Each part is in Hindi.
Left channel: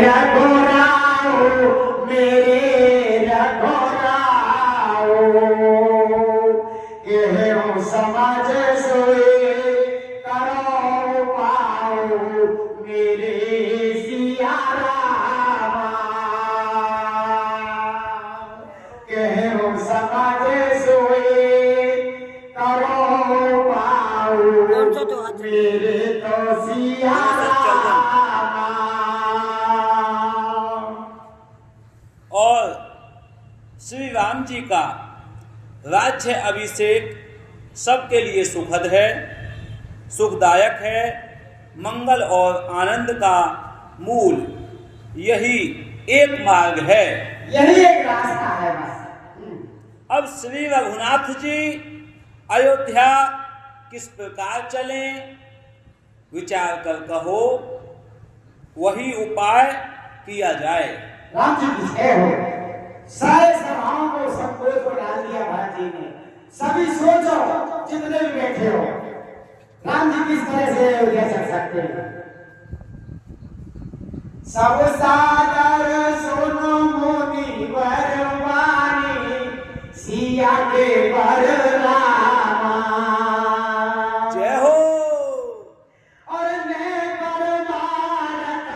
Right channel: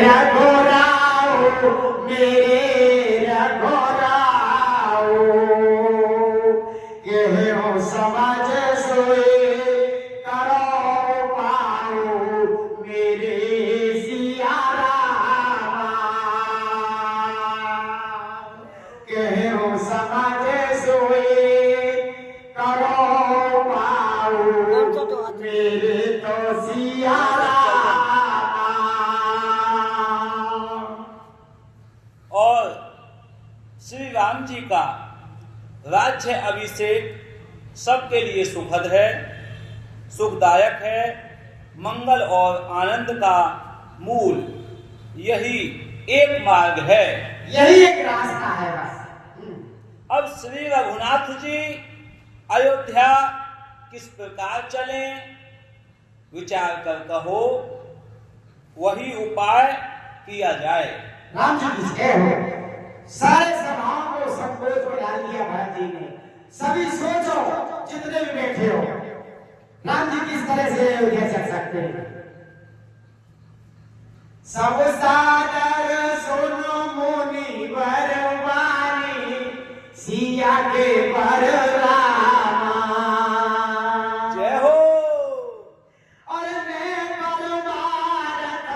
रघुराओ मेरे रघुराओ केहू समझ सोए करो पाओ मेरे सिया रामा केहू समझ सोए करो पाओ मेरे तो सिया और श्री राम जी का राज्य अभिषेक सबके लिए सुखद है, सुखदायक है। मंगल और आनंद का मूल यही एक मार्ग है, यही एक रास्ता है बस। अब श्री रघुनाथ जी अयोध्या किस प्रकार चलें विचार कर कहो, वही उपाय किया जाए। राम जी किसके हो? सारे सभाओं को संकोच में डाल दिया भरत जी ने। सभी सोचो जितने भी बैठे हो, राम जी किस तरह से अयोध्या चल सकते हैं। सब सागर सुनो मुनि बरवानी सिया के बरनामा जय हो। और ने बरबारत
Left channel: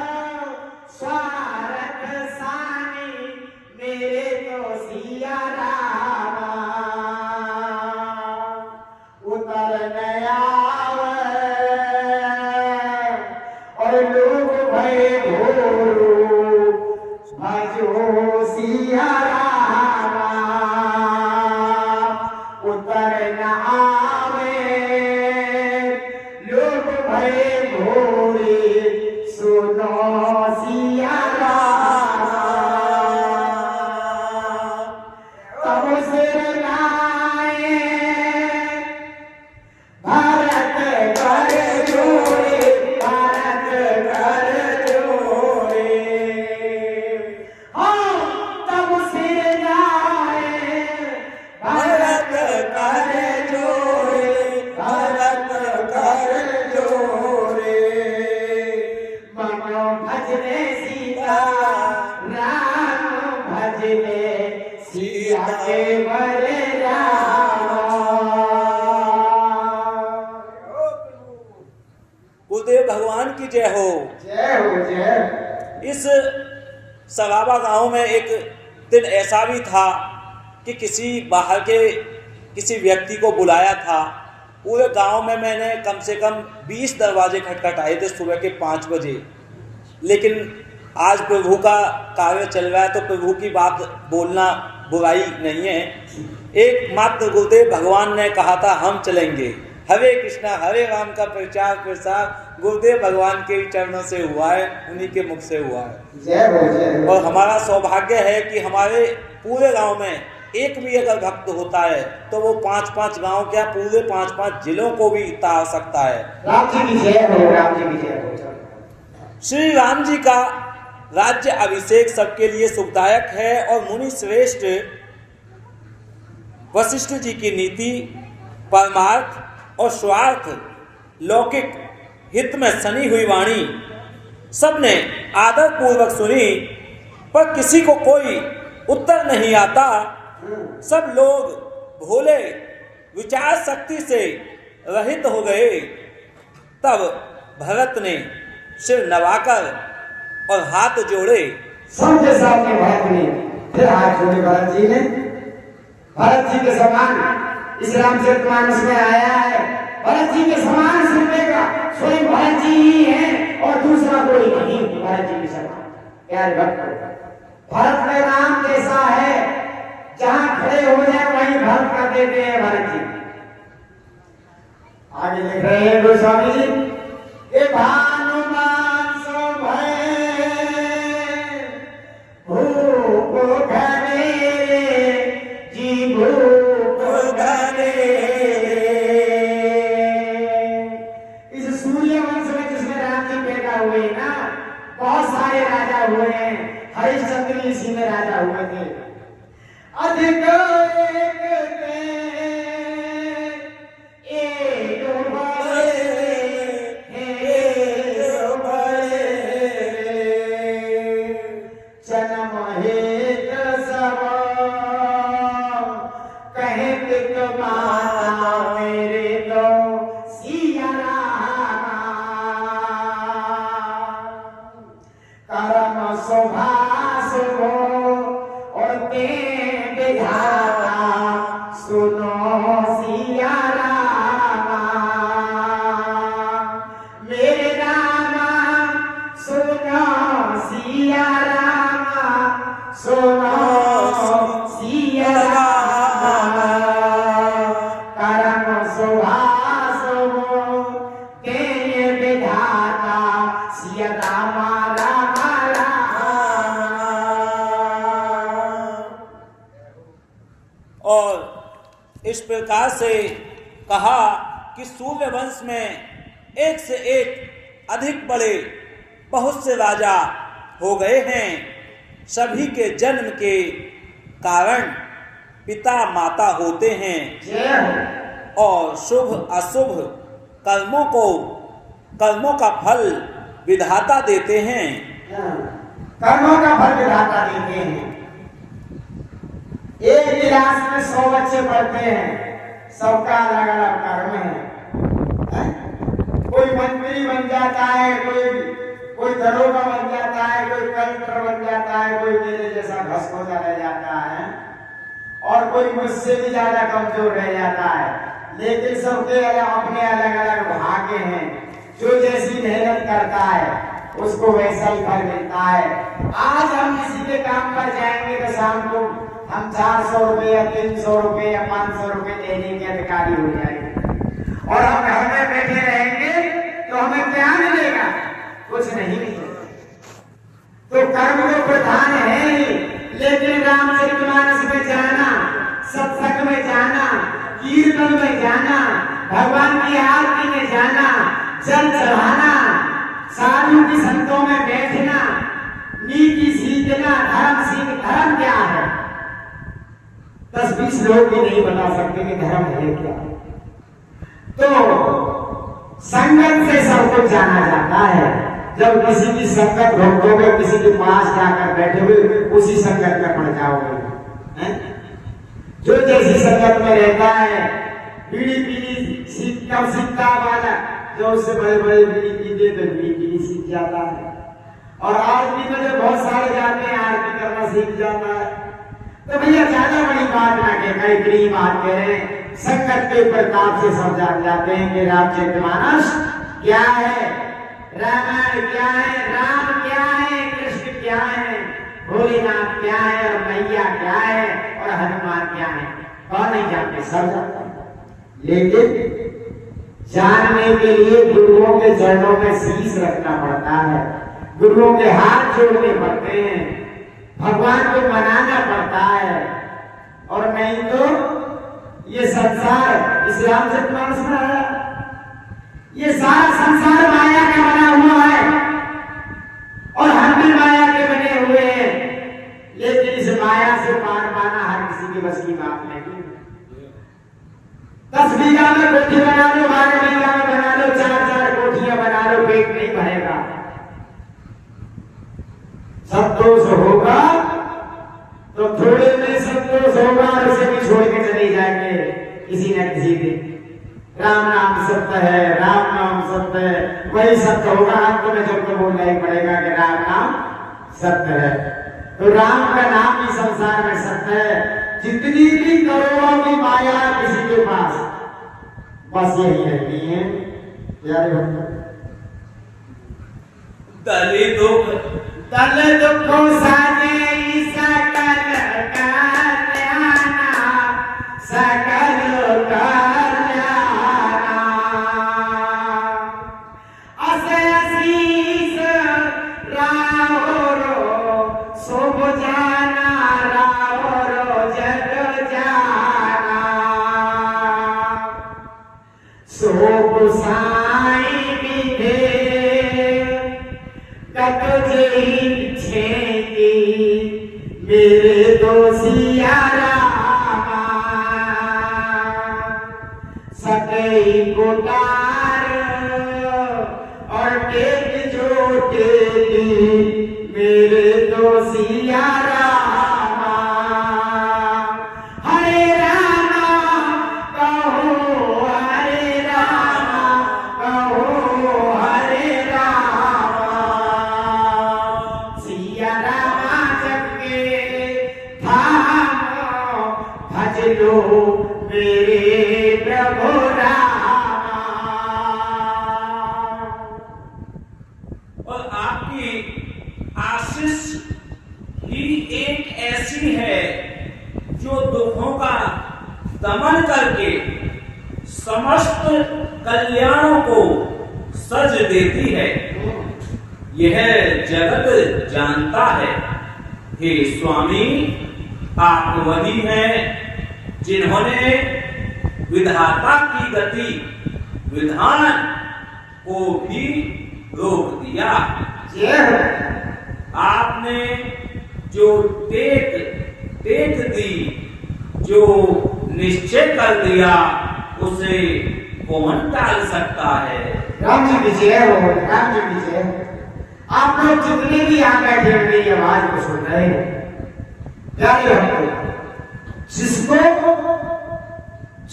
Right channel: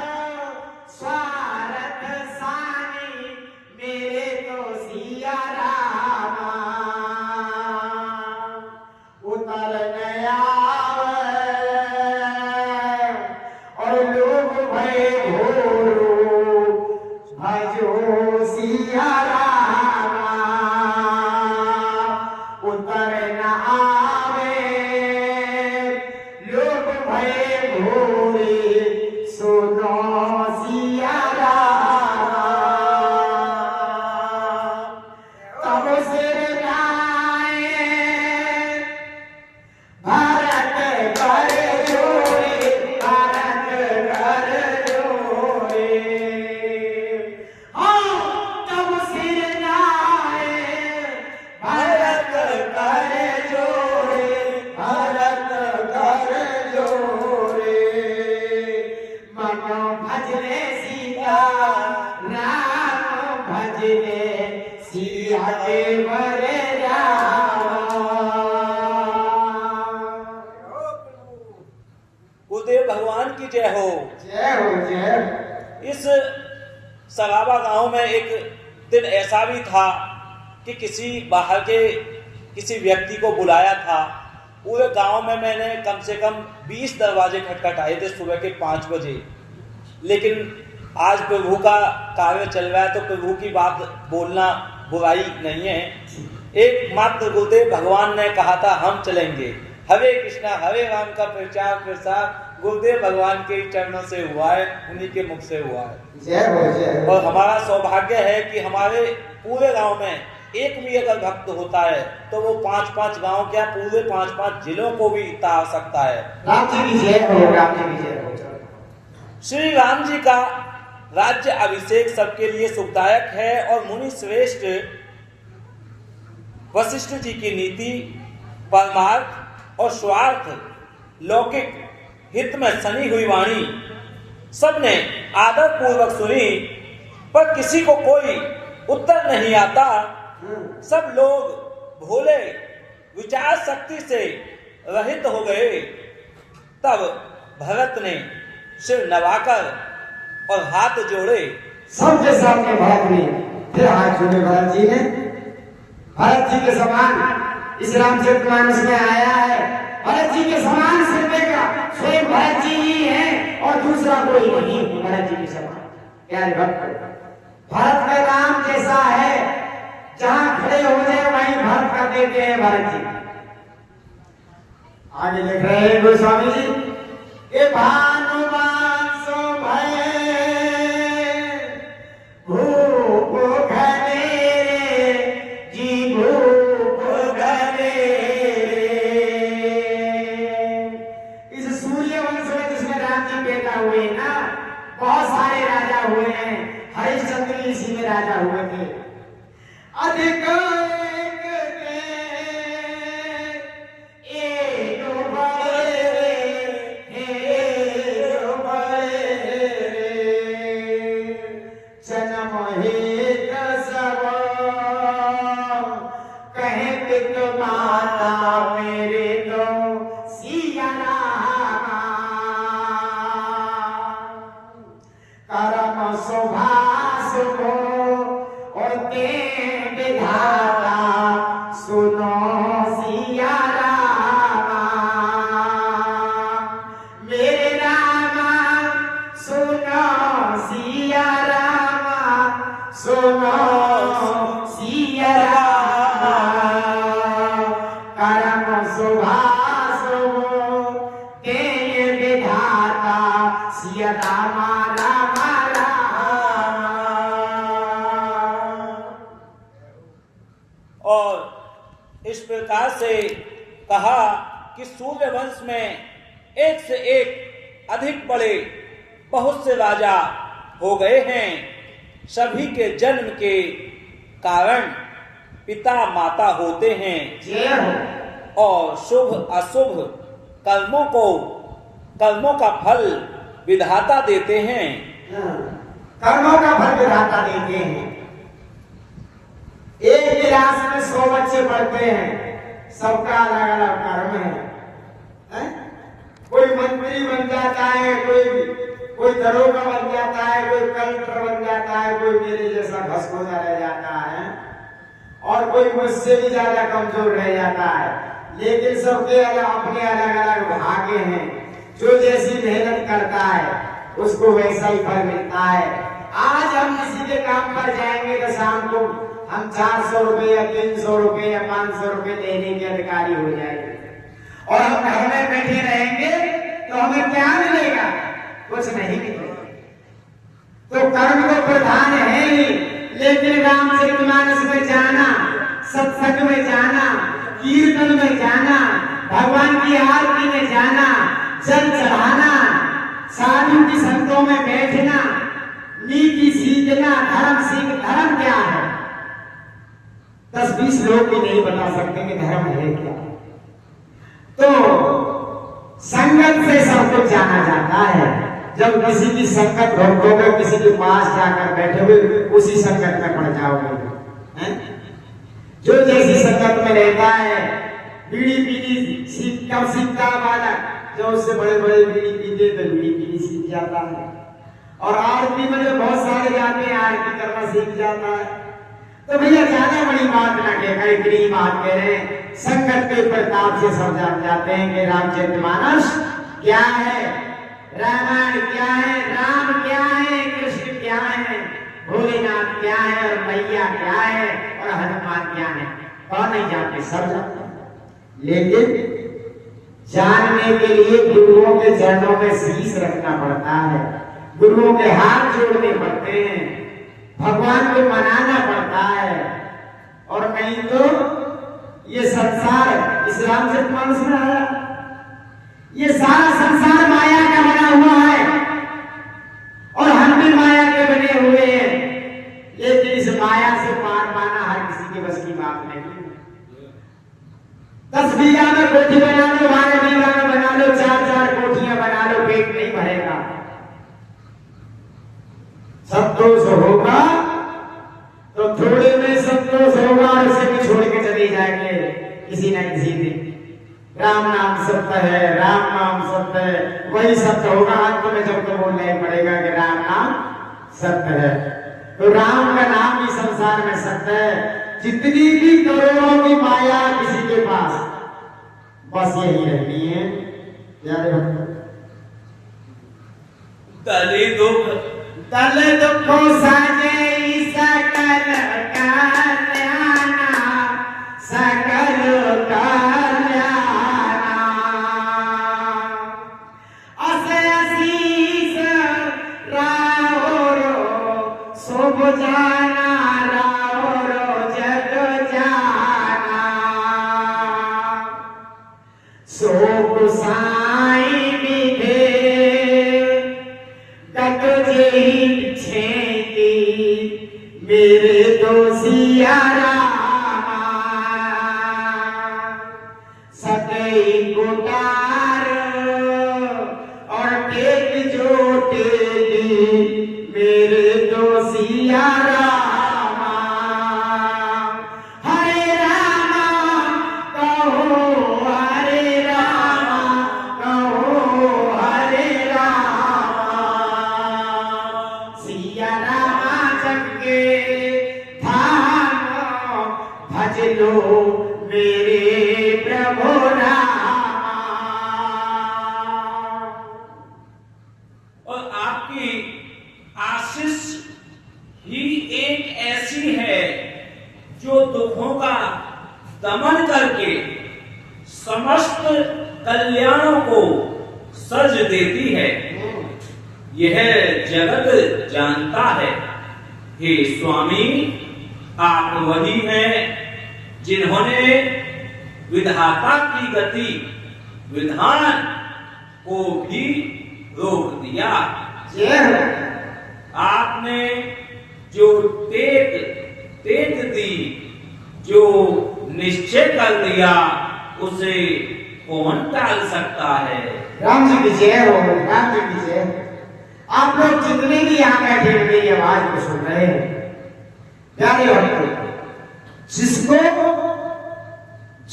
स्वारथ सानी मेरे तो सिया रामा उतर गया और लोग भय घोरो भजो सिया रामा उतर न आवे लोग भय घोरे सुनो सिया रामा तब सिर नाये भारत कर जोड़े भारत कर जोड़े हाँ तब सिर नाये भारत कर जोड़े भारत कर जोड़े मनो भजने सीता राम भजने सिया के बरे गुरुदेव भगवान की जय हो। जय हो जय। इस सराबा गांव में एक दिन ऐसा भी था कि किसी बाहर के किसी व्यक्ति को बुलाया था। पूरे गांव में मैंने कम से कम 20 दरवाजे खटखटाए थे सुबह के 5 बजे, लेकिन आज प्रभु का कार्य चल रहा है तो प्रभु की बात बोलना बुराई नहीं है। एक मात्र गुरुदेव भगवान ने कहा था हम चलेंगे। हरे कृष्णा हरे राम का प्रचार प्रसार गुरुदेव भगवान के चरणों से हुआ है, उन्हीं के मुख से हुआ है। जय हो जय हो। और हमारा सौभाग्य है कि हमारे पूरे गांव में एक भी अगर भक्त होता है तो वो 5-5 गांव क्या पूरे 5-5 जिलों को भी तार सकता है। राम जी की जय हो राम जी की जय हो। श्री राम जी का राज्य अभिषेक सबके लिए सुखदायक है और मुनि श्रेष्ठ वशिष्ठ जी की नीति परमार्थ और स्वार्थ लौकिक हित में सनी हुई वाणी सबने आदर पूर्वक सुनी, पर किसी को कोई उत्तर नहीं आता। सब लोग भोले विचार शक्ति से रहित हो गए। तब भरत ने सिर नवाकर और हाथ जोड़े। सबके सामने भरत ने फिर हाथ जोड़े। भरत जी ने भरत जी के समान इस रामचरितमानस में आया है। भरत जी के समान सुनने का स्वयं भरत जी ही है और दूसरा कोई नहीं। भरत जी के समान प्यार भक्त भरत का नाम जैसा है, जहां खड़े हो जाए वहीं भक्त कर देते हैं भरत जी। आगे लिख रहे हैं गोस्वामी जी के भानुमान सो भय भूप घने जी भूप घने। इस सूर्यवंश में जिसमें राम जी पैदा हुए ना, बहुत सारे राजा हुए हैं। हरिश्चंद्र इसी में राजा हुए थे। अधिक सुभाष हो और ते विधाता सुनो सिया रामा मेरे रामा सुनो सिया रामा सुनो सिया रामा करम सुभाष हो ते विधाता सिया रामा रामा और इस प्रकार से कहा कि सूर्यवंश में एक से एक अधिक बड़े बहुत से राजा हो गए हैं। सभी के जन्म के कारण पिता माता होते हैं और शुभ अशुभ कर्मों का फल विधाता देते हैं। कर्मों का फल विधाता देते हैं। एक क्लास में 100 बच्चे पढ़ते हैं, सबका अलग अलग कर्म है। कोई मंत्री बन जाता है, कोई दरोगा बन जाता है, कोई कलेक्टर बन जाता है, कोई मेरे जैसा भस्मोदा रह जाता है और कोई मुझसे भी ज्यादा कमजोर रह जाता है। लेकिन सबके अपने अलग अलग भाग्य हैं। जो जैसी मेहनत करता है उसको वैसा ही फल मिलता है। आज हम किसी के काम पर जाएंगे तो शाम को हम 400 रुपए या 300 रुपए या 500 रुपए लेने के अधिकारी हो जाएंगे और हम घर में बैठे रहेंगे तो हमें क्या मिलेगा? कुछ नहीं मिलेगा। तो कर्म तो प्रधान है ही, लेकिन रामचरितमानस में जाना, सत्संग में जाना, कीर्तन में जाना, भगवान की आरती में जाना, जल चढ़ाना, साधु की संतों में बैठना, नीति सीखना, धर्म सीख। धर्म क्या है? 10-20 लोग भी नहीं बता सकते कि धर्म है क्या। तो संगत से सब कुछ जाना जाता है। जब किसी की संगत भोगोगे, किसी के पास जाकर बैठोगे, उसी संगत में पड़ जाओगे। जो जैसी संगत में रहता है, बीड़ी पीनी कम सीखता वाला, जो उससे बड़े बड़े बीड़ी पीते तो बीड़ी पीनी सीख जाता है। और आरती में जो बहुत सारे जाते हैं, आरती करना सीख जाता है। तो भैया ज्यादा बड़ी बात ना कहकर इतनी बात कह रहे हैं। संगत के प्रताप से सब जान जाते हैं कि रामचरितमानस क्या है, रामायण क्या है, राम क्या है, कृष्ण क्या है, भोलेनाथ क्या है और मैया क्या है और हनुमान क्या है। कौन नहीं जानते? सब जानते हैं। लेकिन जानने के लिए गुरुओं के चरणों में शीश रखना पड़ता है, गुरुओं के हाथ जोड़ने पड़ते हैं, भगवान को मनाना पड़ता है। और नहीं तो ये संसार इस रामचरितमानस में आया, ये सारा संसार माया का बना हुआ है और हम भी माया के बने हुए हैं। लेकिन इस माया से पार पाना हर किसी के बस की बात नहीं है। 10 बीघा में कोठी बना लो, 12 बीघा में बना लो, 4-4 कोठियां बना लो, पेट नहीं भरेगा। संतोष होगा तो थोड़े में संतोष होगा, इसे भी छोड़ के चले जाएंगे किसी न किसी दिन। राम नाम सत्य है, राम नाम सत्य है, वही सत्य होगा। अंत में जब तो बोलना ही पड़ेगा कि राम नाम सत्य है। तो राम का नाम ही संसार में सत्य है। जितनी भी करोड़ों की माया किसी के पास, बस यही रहती है प्यारे तले दुखों साजे सकल कल्याणा, सकल कल्याणा। असे असीस राहोरो शुभ जाना, राहोरो जग जाना। शोक साई विधे मेरे दोषिया रामा, सदैव कोटार और टेक जो टेकी मेरे दोषिया रामा। हरे रामा कहो, हरे रामा कहो, हरे रामा। सिया दो मेरे प्रभु रामा। और आपकी आशीष ही एक ऐसी है जो दुखों का दमन करके समस्त कल्याणों को सज देती है। यह जगत जानता है। हे स्वामी, आप वही हैं जिन्होंने विधाता की गति विधान को भी रोक दिया। आपने जो टेक दी, जो निश्चय कर दिया, उसे कौन टाल सकता है। राम जी की जय हो, राम जी की जय हो। आप लोग जितने भी यहाँ बैठे हुए ये आवाज को सुन रहे हैं, प्यारे भक्तों, जिसको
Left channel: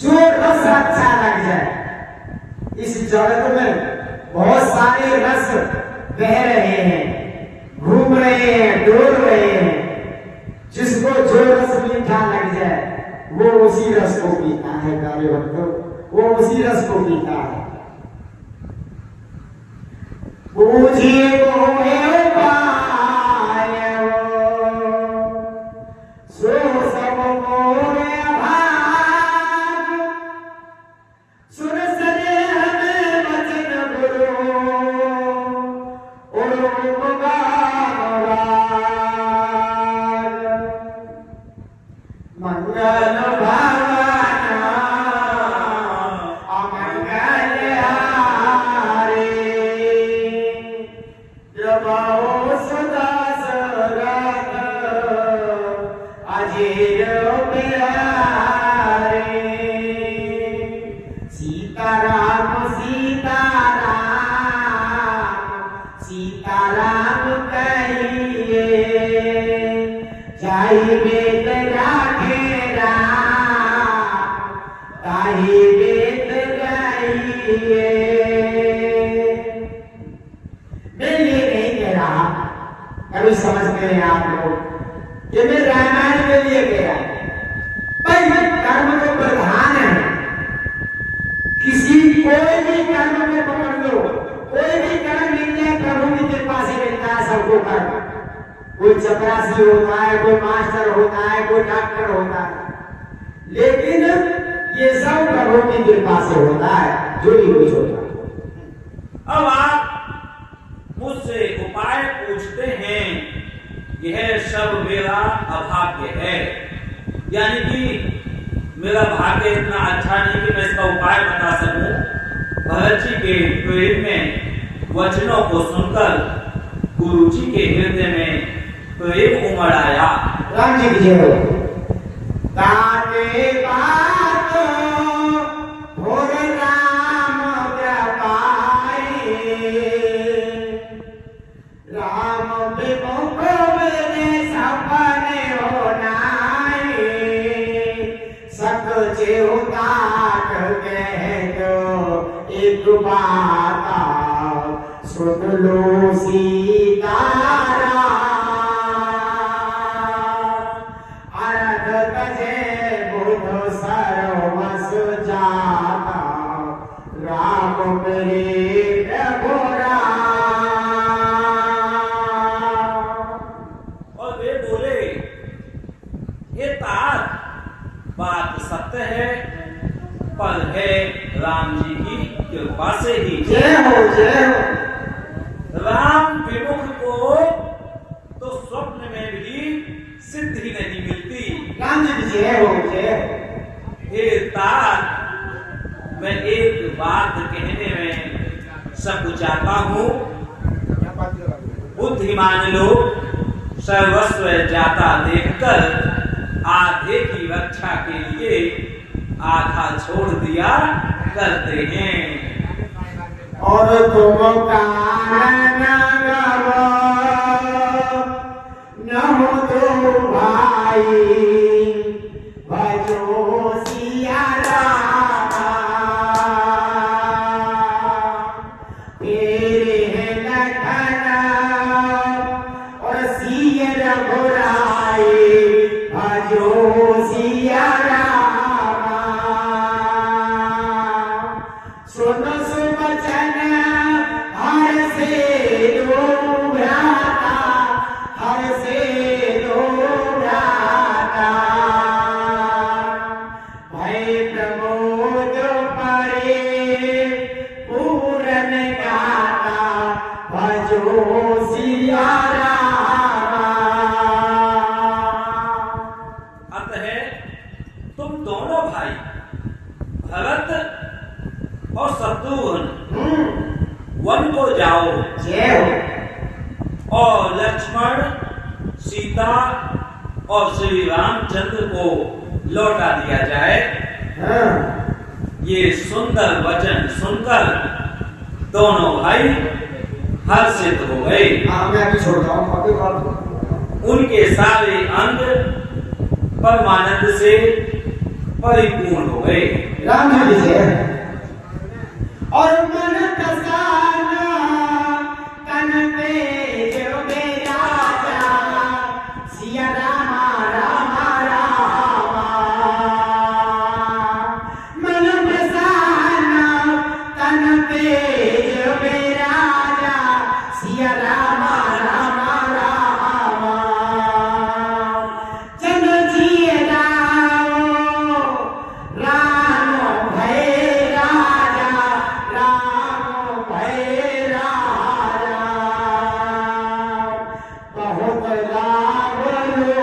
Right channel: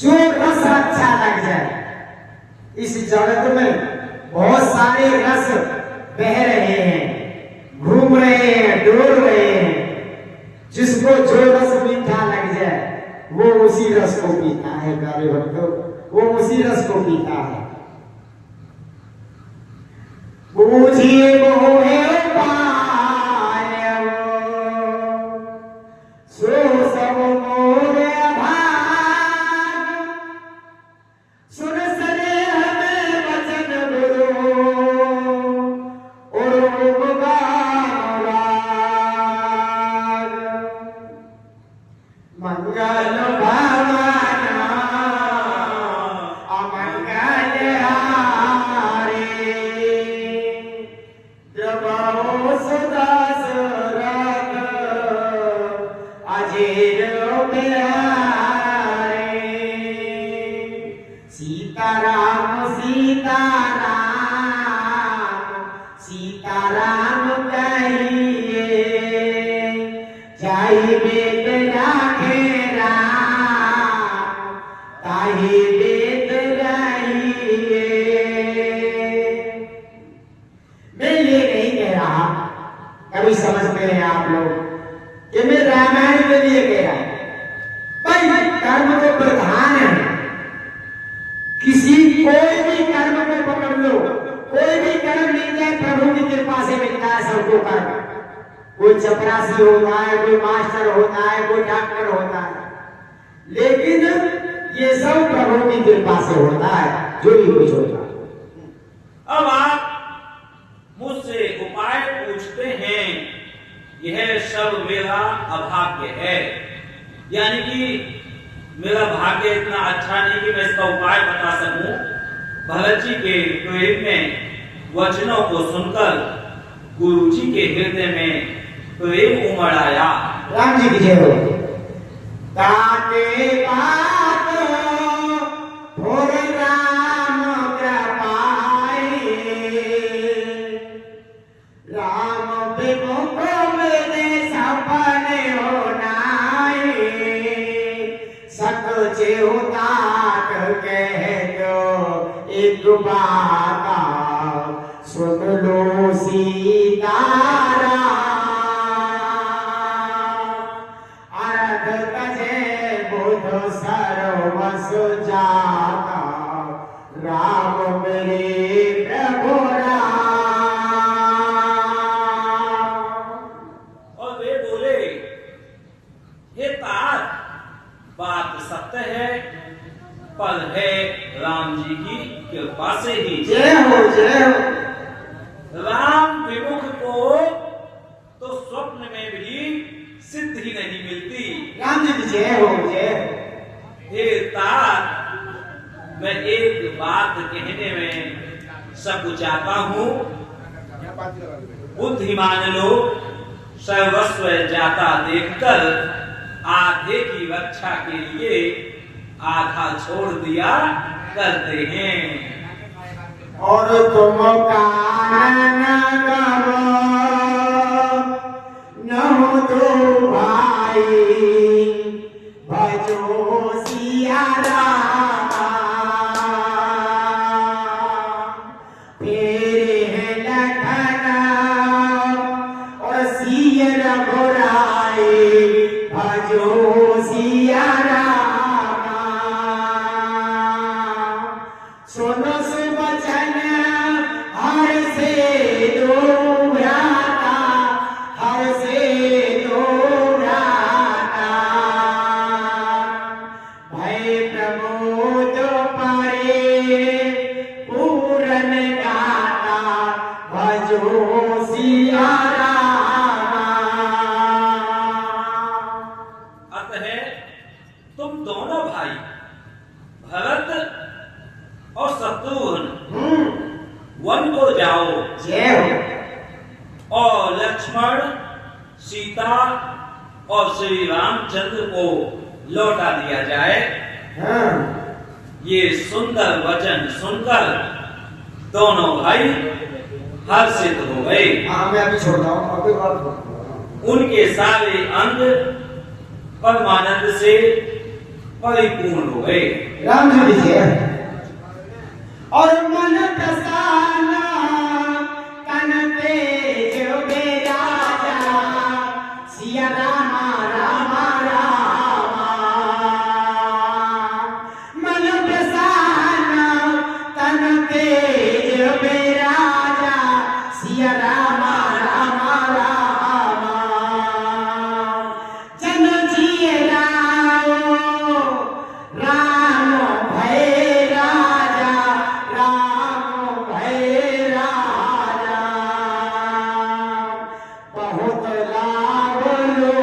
जो रस अच्छा लग जाए, इस जगत में बहुत सारे रस बह रहे हैं, घूम रहे हैं, डोल रहे हैं। जिसको जो रस मीठा लग जाए वो उसी रस को पीता है। प्यारे भक्तों, वो उसी रस को पीता है। बूझिए मोहे उपाय सो सब मोरे भाग, सुन सने हमें वचन गुरु और उपगान राग। मंगल भवन अमंगल हारे, जबाओ सदा सरग अजेर प्यारे। सीताराम सीताराम सीताराम कहिए, जाहि बेत राखे राम ताहि बेत गाइए। मैं ये नहीं कह रहा, कभी समझते हैं आप लोग कि मैं रामायण के लिए कह रहा भाई, कर्म तो प्रधान है। किसी कोई भी कर्म को पकड़ लो, कोई भी कर्म मिल जाए, प्रभु की कृपा से मिलता है सबको कर्म। कोई चपरासी होता है, कोई मास्टर होता है, कोई डॉक्टर होता है, लेकिन ये सब प्रभु की कृपा से होता है, जो भी कुछ होता है। अब आप मुझसे उपाय पूछते हैं, यह सब मेरा अभाग्य है, यानी कि मेरा भाग्य इतना अच्छा नहीं कि मैं इसका उपाय बता सकूं। भरत जी के प्रेम में वचनों को सुनकर गुरु जी के हृदय में प्रेम उमड़ आया। राम जी की जय हो। ताके बात भोर राम कृपाई, राम विमुख मेरे सपने हो नाई। सक चेउताक कह दो एक बात, सुन लो सीताराम। अर्घ तजे बुध सर्वस जाता, राम मेरे प्रभु राम। और वे बोले, ये तार बात सत्य है, पर है राम जी की कृपा से ही। जय हो, जय हो। राम विमुख को तो स्वप्न में भी सिद्धि नहीं मिलती। राम जी की जय हो, जय हो। हे तार, मैं एक बात कहने में सकुचाता हूँ। बुद्धिमान लोग सर्वस्व जाता देखकर आधे की रक्षा के लिए आधा छोड़ दिया करते हैं। और तुम कानन गवा न हो तो भाई, भजो सिया रामा। तेरे हैं लखन और सिया रघुराई, भजो सिया रामा। लक्ष्मण, सीता और श्री रामचंद्र को लौटा दिया जाए। हाँ, ये सुंदर वचन सुनकर दोनों भाई हर्षित हो गए। हाँ, मैं अभी छोड़ता हूँ, अभी बात। उनके सारे अंग परमानंद से परिपूर्ण हो गए। राम जी लिखिए, और मन कसाना तन पे जो बेराजा, सिया रामा रामा रामा। मन कसाना तन पे जो बेराजा, सिया रामा रामा रामा। जन जिए राम भय राजा, राम भय राजा। बहुत लाभ लो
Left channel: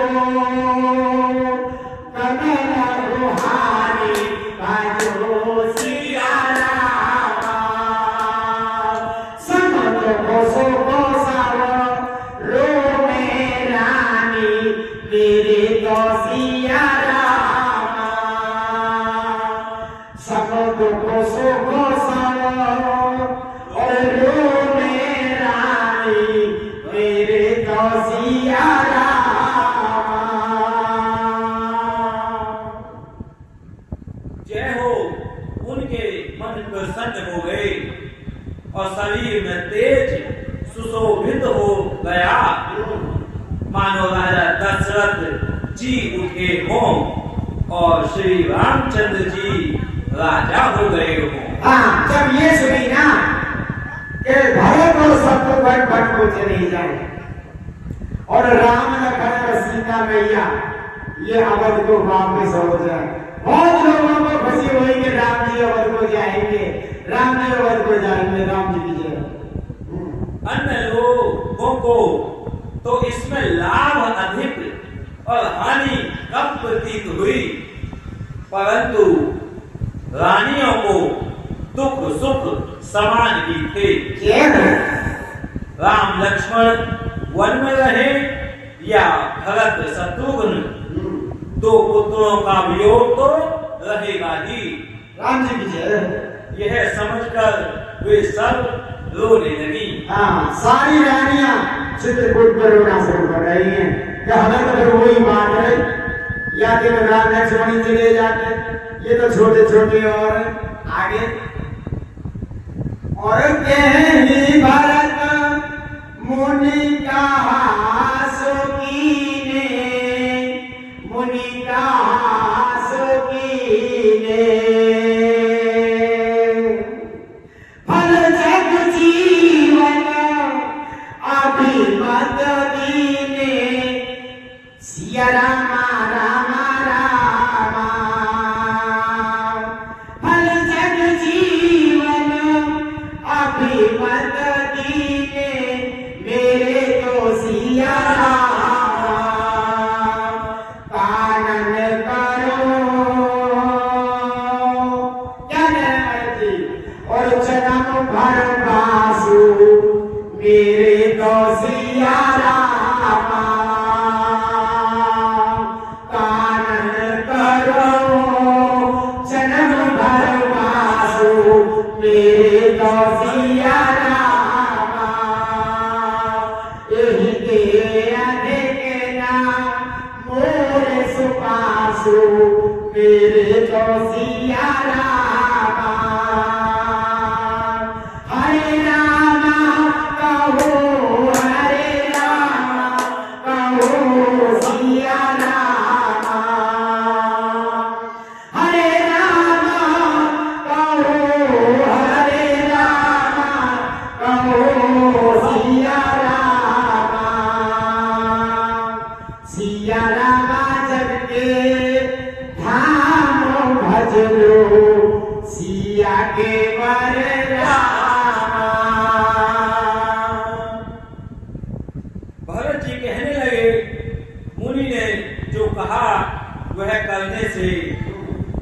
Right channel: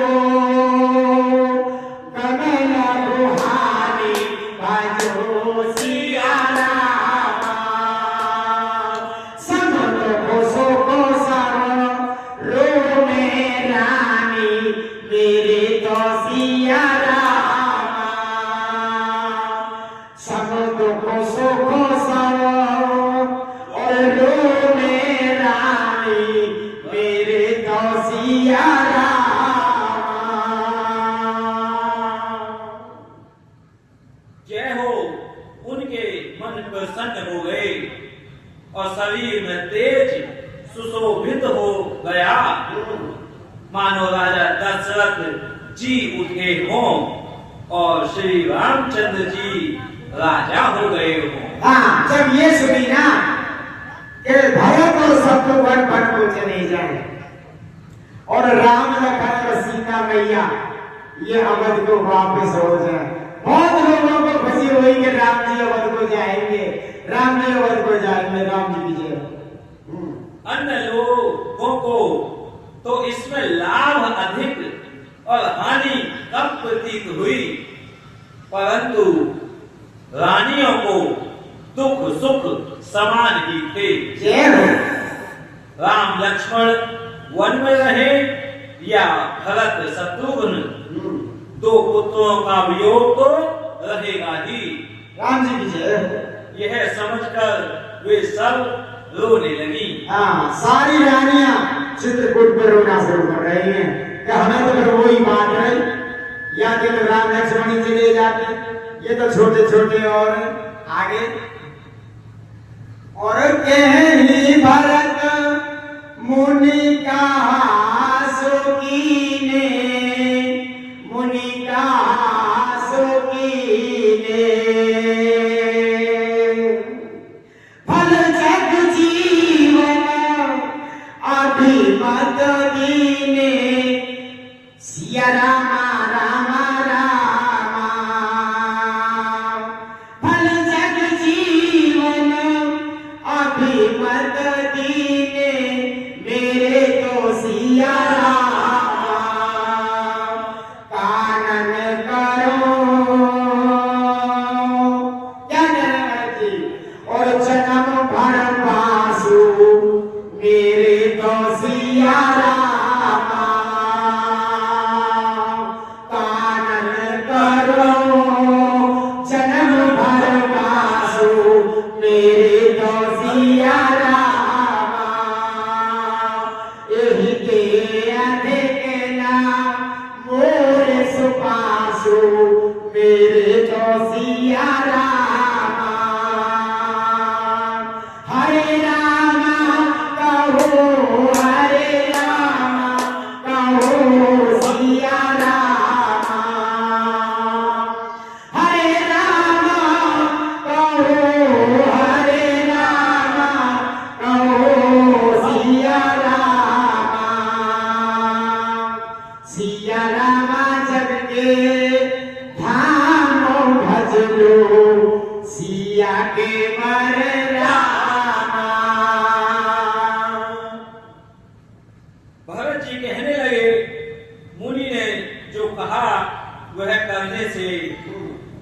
कनन बुहारी, बाजो सिया रामा। संत को सो को सारो लो में रानी, मेरे तो सिया रामा। संत को सो को सारो और लो में रानी, मेरे तो सिया रामा। जय हो। उनके मन प्रसन्न हो गए और शरीर में तेज सुशोभित हो गया, मानो राजा दशरथ जी उठे हों और श्री रामचंद्र जी राजा हो गए हों। हाँ, जब ये सुनी ना कि भरत और शत्रुघ्न वन को चले जाए और राम लखन और सीता मैया ये अवध को वापस हो जाए, बहुत लोगों को खुशी हुई कि राम जी अवध को जाएंगे, राम जी अवध को जाएंगे। राम जी की जय। अन्य लोगों को तो इसमें लाभ अधिक और हानि कम प्रतीत हुई, परंतु रानियों को दुख सुख समान ही थे। जय हो। राम लक्ष्मण वन में रहे या भरत शत्रुघ्न, दो पुत्रों का वियोग तो रहेगा ही। राम जी की जय हो। यह समझकर वे सब रोने लगी। हाँ, सारी रानियां चित्रकूट में रोना शुरू कर रही हैं कि हमें तो फिर वही बात है, या कि राम लक्ष्मण ही चले जाते, ये तो छोटे छोटे और आगे। और कहनी भरत मुनि का सुकीने, मुनि का सुकीने। फल जग जीवन अभिमत दीने, सिया रामा रामा रामा। फल जग जीवन अभिमत दीने, मेरे तो सिया रामा। कानन करो क्या जी, और जन्म भर बासु, मेरे तो सिया रामा। कानन करो जन्म भर बासु, मेरे तो सिया रामा। यही के अधिक नाम मोर सुपासु, मेरे तो सिया रामा। हरे रामा कहो, हरे रामा कहो, सिया रामा। हरे रामा कहो, हरे रामा कहो, सिया रामा। सिया रामा जग के धाम भज लो, सिया के वर रामा। भरत जी कहने लगे, मुनि ने जो कहा वह करने से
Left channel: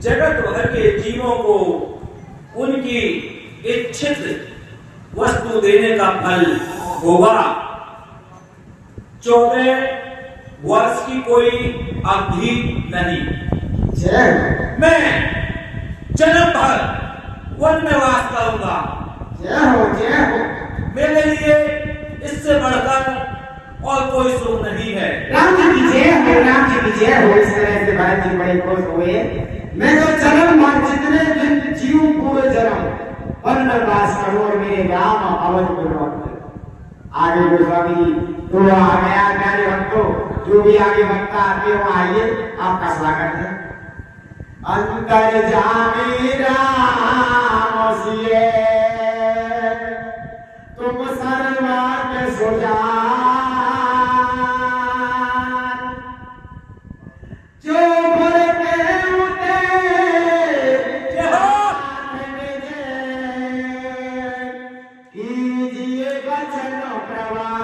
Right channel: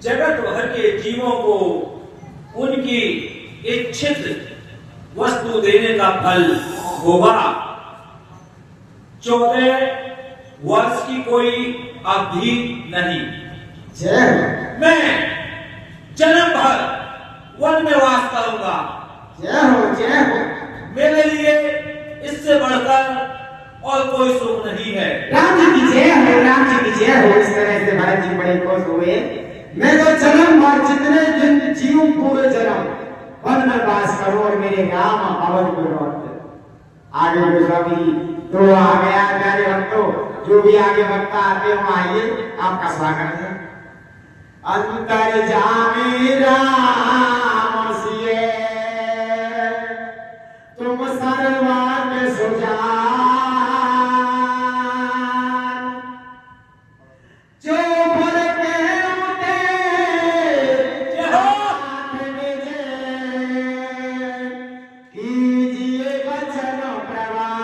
जगत भर के जीवों को उनकी इच्छित वस्तु देने का फल होगा। 14 वर्ष की कोई अवधि नहीं। जय मैं जन्म भर वन में वास करूंगा। जय हो मेरे लिए इससे बढ़कर और कोई सुख नहीं है। राम जी की जय हो, राम जी की जय हो। इस तरह से भरत जी बड़े खुश हुए। मैं तो जन्म और जितने दिन जीव पूरे जन्म वन में वास करो और मेरे राम अवध गुणवंत। आगे गोस्वामी तो आ गया प्यारे भक्तों, जो भी आगे भक्त आते हो आइए, आपका स्वागत है। अंतर जामी राम सिए तुम सर्वांग सुजान, जो भर के उते कीजिए वचन प्रवान,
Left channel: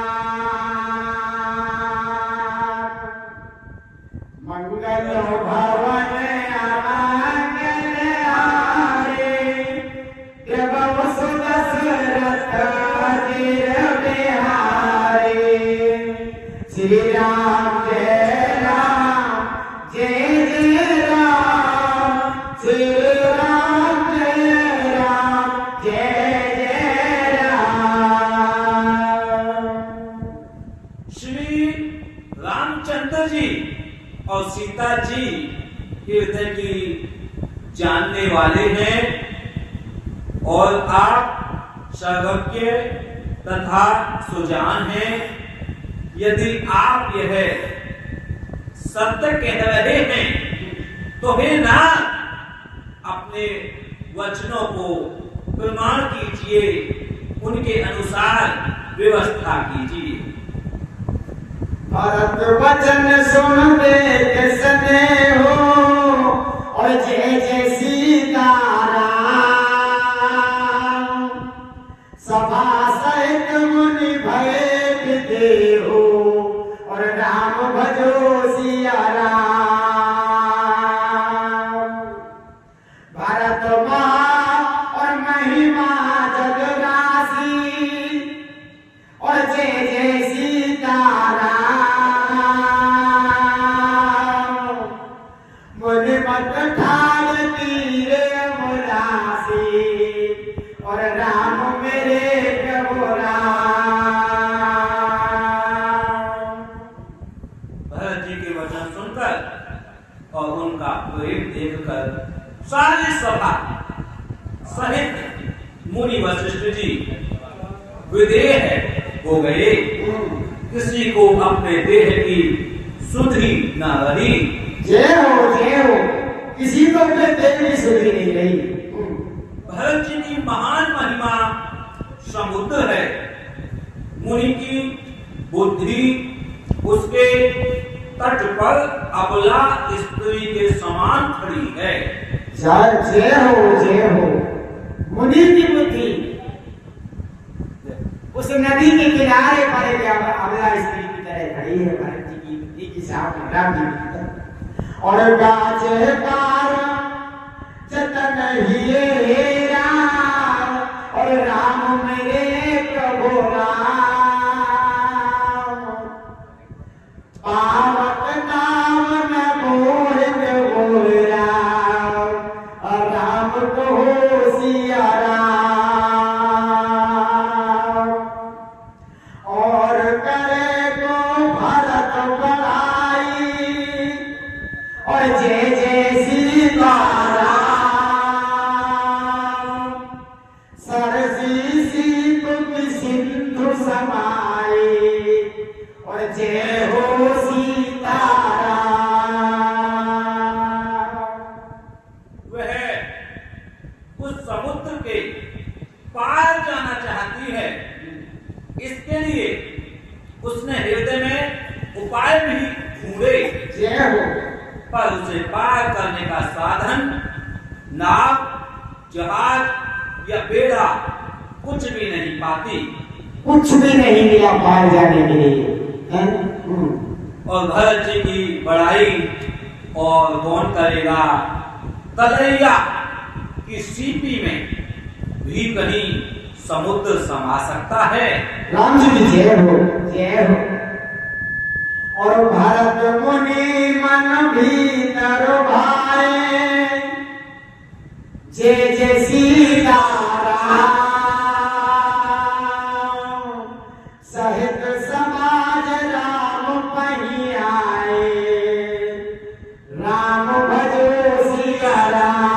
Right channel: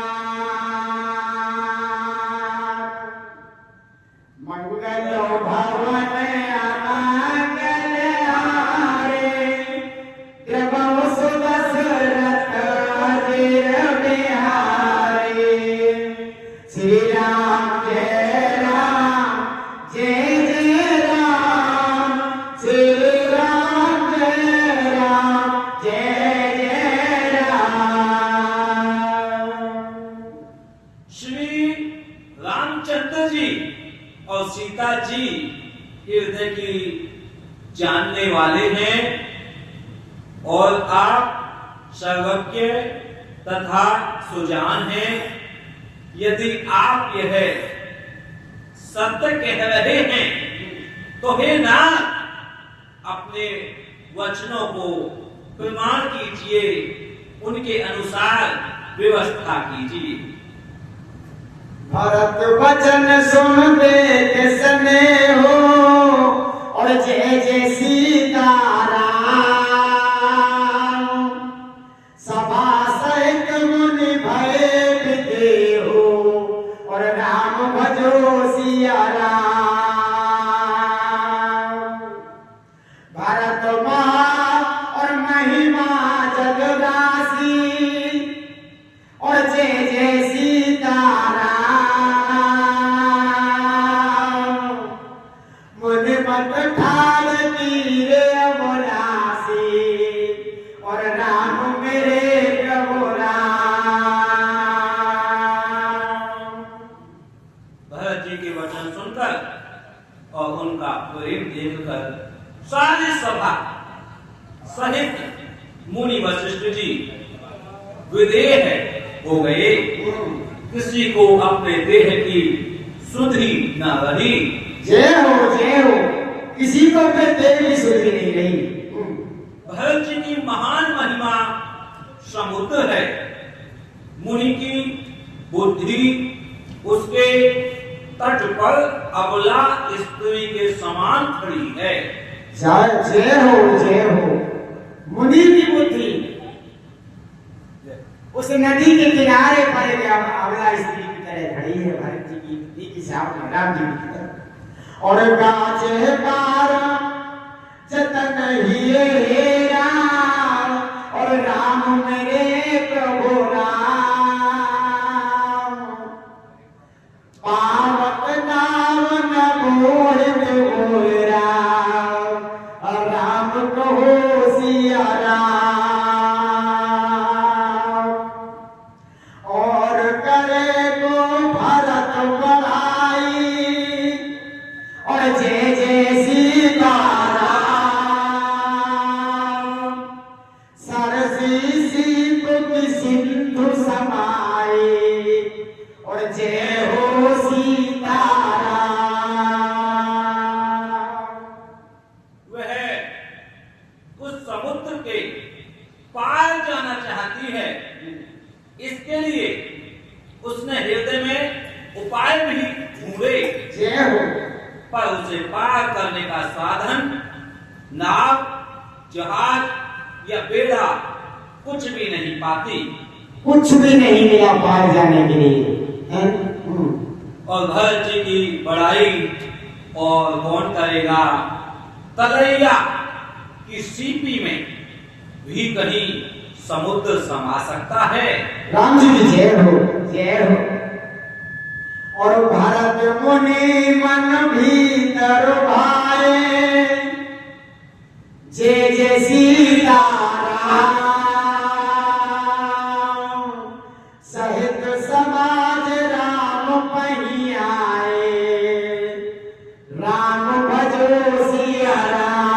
मंगल भवन अमंगल हारे, प्रभव सुदशरथ अजिर बिहारी। श्री राम जय राम जय जय राम, श्री राम जय राम। श्री रामचंद्र जी और सीता जी हृदय की जानने वाले हैं और आप सर्वज्ञ तथा सुजान हैं। यदि आप यह सत्य कह रहे हैं तो हे नाथ, अपने वचनों को प्रमाण कीजिए, उनके अनुसार व्यवस्था कीजिए। भरत वचन सुनते किसने हो, और जय जय सीताराम। सभा सहित मुनि बैठते हो, और राम भजो सिया राम। भरत महा और महिमा जगदासी, और जय जय सीताराम। मुनि मत ठाल तीरे अमरासी, और राम मेरे प्रभु राम। भरत जी के वचन सुनकर और उनका प्रेम देखकर सारी सभा सहित मुनि वशिष्ठ जी विदेह हो गए। किसी को अपने देह की सुधि न रही। जय हो, किसी को अपने देह की सुधि नहीं रही। भरत जी की महान महिमा समुद्र है। मुनि की बुद्धि उसके तट पर अबला स्त्री के समान खड़ी है। जय हो। मुनि की बुद्धि उस नदी के किनारे पर एक अबला स्त्री की तरह खड़ी है। भरत जी की बुद्धि की सामने राम जी की तरह। और गाचे पार जतन हिये रे राम, और राम मेरे प्रभु राम। पावक नाम न मोहित गोरा, और राम को सिया राम। और करे को भरत बढ़ाई, और जय जय सीताराम। सरसी सीप सिंधु समाई, और जय हो सीताराम। वह उस समुद्र के पार जाना चाहती है। इसके लिए उसने हृदय में उपाय भी ढूंढे, जय हो। पर उसे पार करने का साधन नाव, जहाज या बेड़ा कुछ भी नहीं पाती। कुछ भी नहीं मिला पार जाने के लिए। और भरत जी की बड़ाई और कौन करेगा। कलैया की सीपी में भी कहीं समुद्र समा सकता है। राम जी की जय हो, जय हो। और भरत मुनि मन भीतर भाए, जय जय सीताराम। सहित समाज राम पहियाए, राम भजो सिया राम।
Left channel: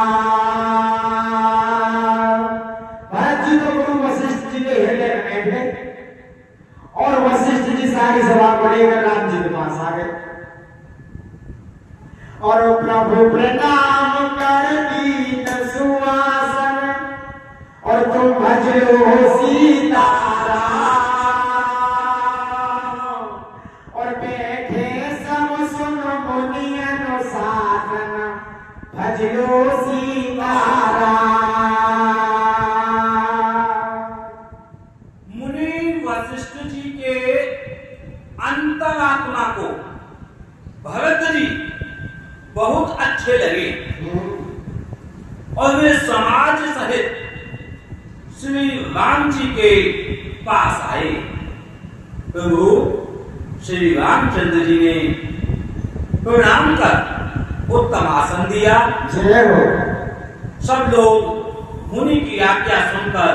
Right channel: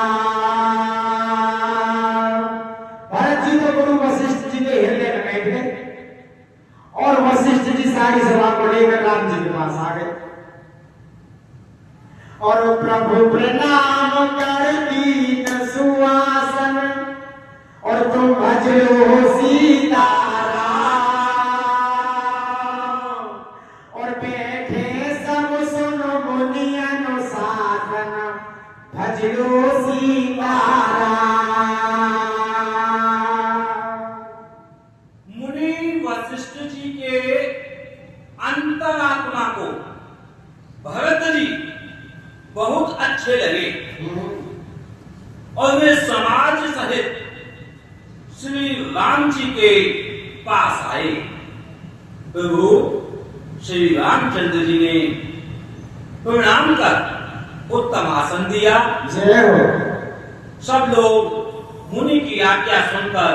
भरत जी तो गुरु वशिष्ठ जी के हृदय में बैठे और वशिष्ठ जी सारी सभा को लेकर राम जी के पास आ गए और प्रभु प्रणाम कर दीन सुआसन, और तुम भजो सीताराम। और बैठे सब सुन मुनि अनुशासन, भजो सीताराम। वशिष्ठ जी के अंतरात्मा को भरत जी बहुत अच्छे लगे और वे समाज सहित श्री राम जी के पास आए। प्रभु श्री रामचंद्र जी ने प्रणाम कर उत्तम आसन दिया। जय हो। सब लोग मुनि की आज्ञा सुनकर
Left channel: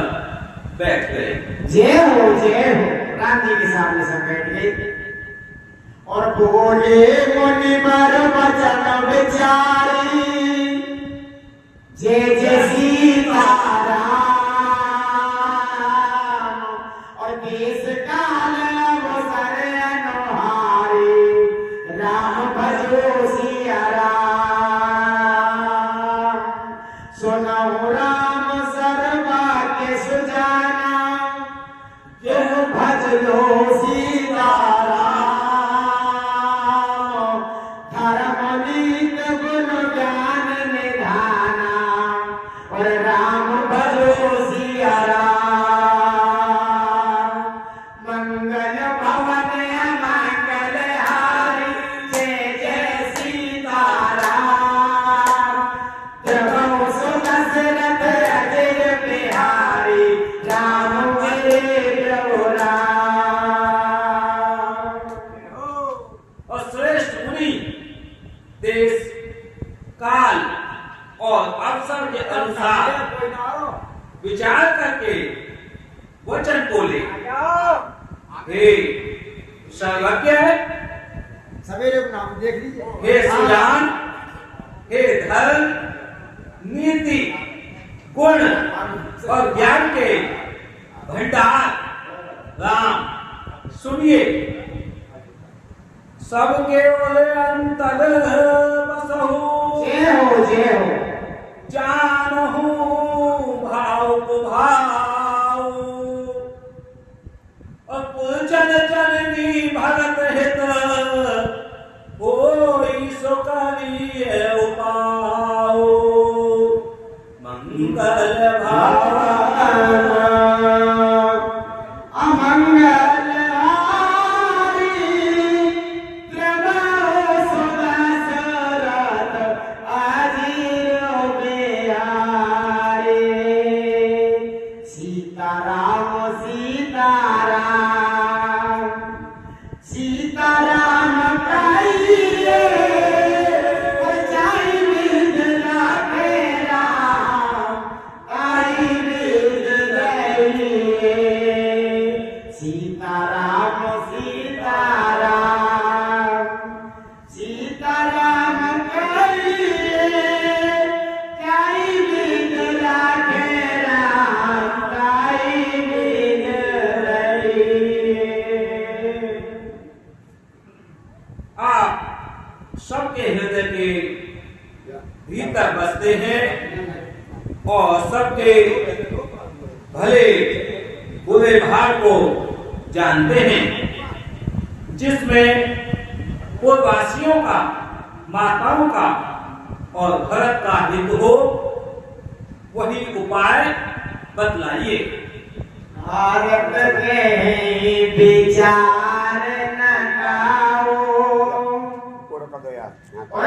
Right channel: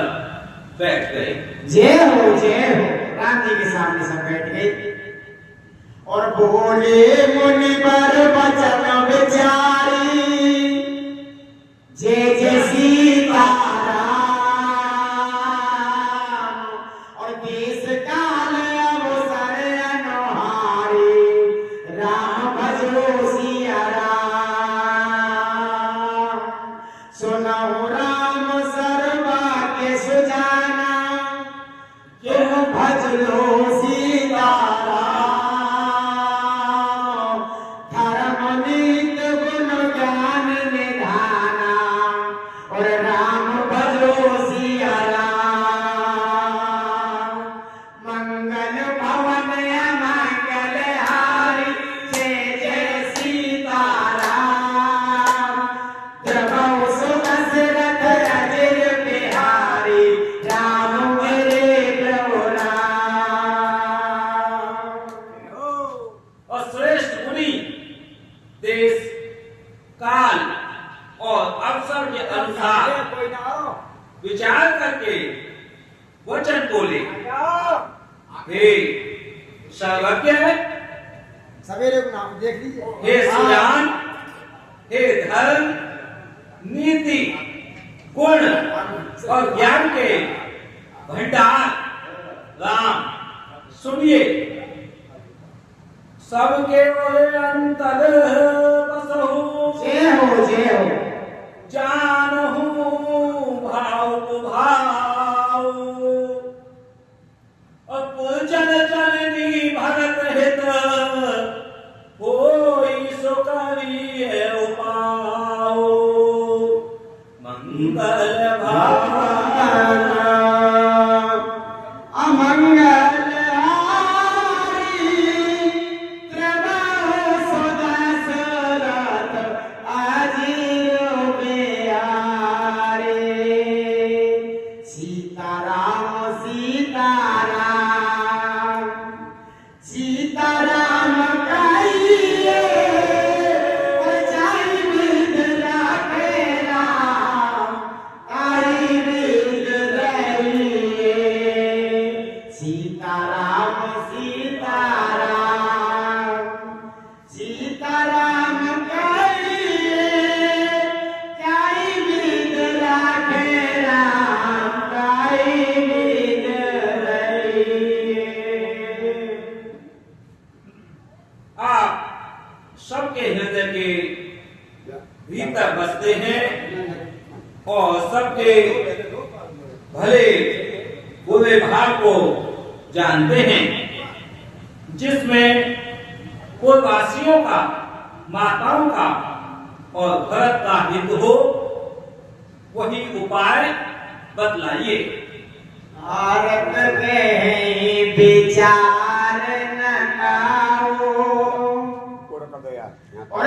बैठ गए। जय हो जय हो। राम जी के सामने सब बैठ गए और बोले मुनि बर वचन विचारी, जय जय सीताराम। और देश काल अवसर अनुहारी, राम भजो सिया राम। सुनौ राम सर्वा के सुजाना, यह भजो सीताराम। धर्म नीत गुण ज्ञान निधाना, और राम भजो सिया राम। मंगल भवन अमंगल हारी, जय जय सीताराम। द्रवौ सुदशरथ अजिर बिहारी, राम हरे प्रभु राम। और श्रेष्ठ मुनि देश काल और अवसर के अनुसार विचार करके वचन बोले। हे सर्वज्ञ, सवेरे को नाम देख लीजिए। हे सुजान, हे धर्म नीति गुण और ज्ञान के भंडार राम, सुनिए। सबके अंतर बसहु, जय हो जय हो। जानहु भाव को भाव, और पूजन जननी भरत हित, होई सो करिए उपाओ। मंगल भाव अमंगल हारी, प्रभु सुदशरथ अजिर बिहारी। सीताराम सीताराम, सीताराम कहिए, और जाई बिध राखे राम, आई बिध रहिए। सीताराम सीताराम, सीताराम कहिए, जाई बिध राखे राम, आई बिध रहिए। आप सबके हृदय के भीतर बसते हैं और सबके भले बुरे भाव को जानते हैं। जिसमें पूर्ववासियों का, माताओं का और भरत का हित हो, वही उपाय बतलाइए। भारत के विचार न गाओ, और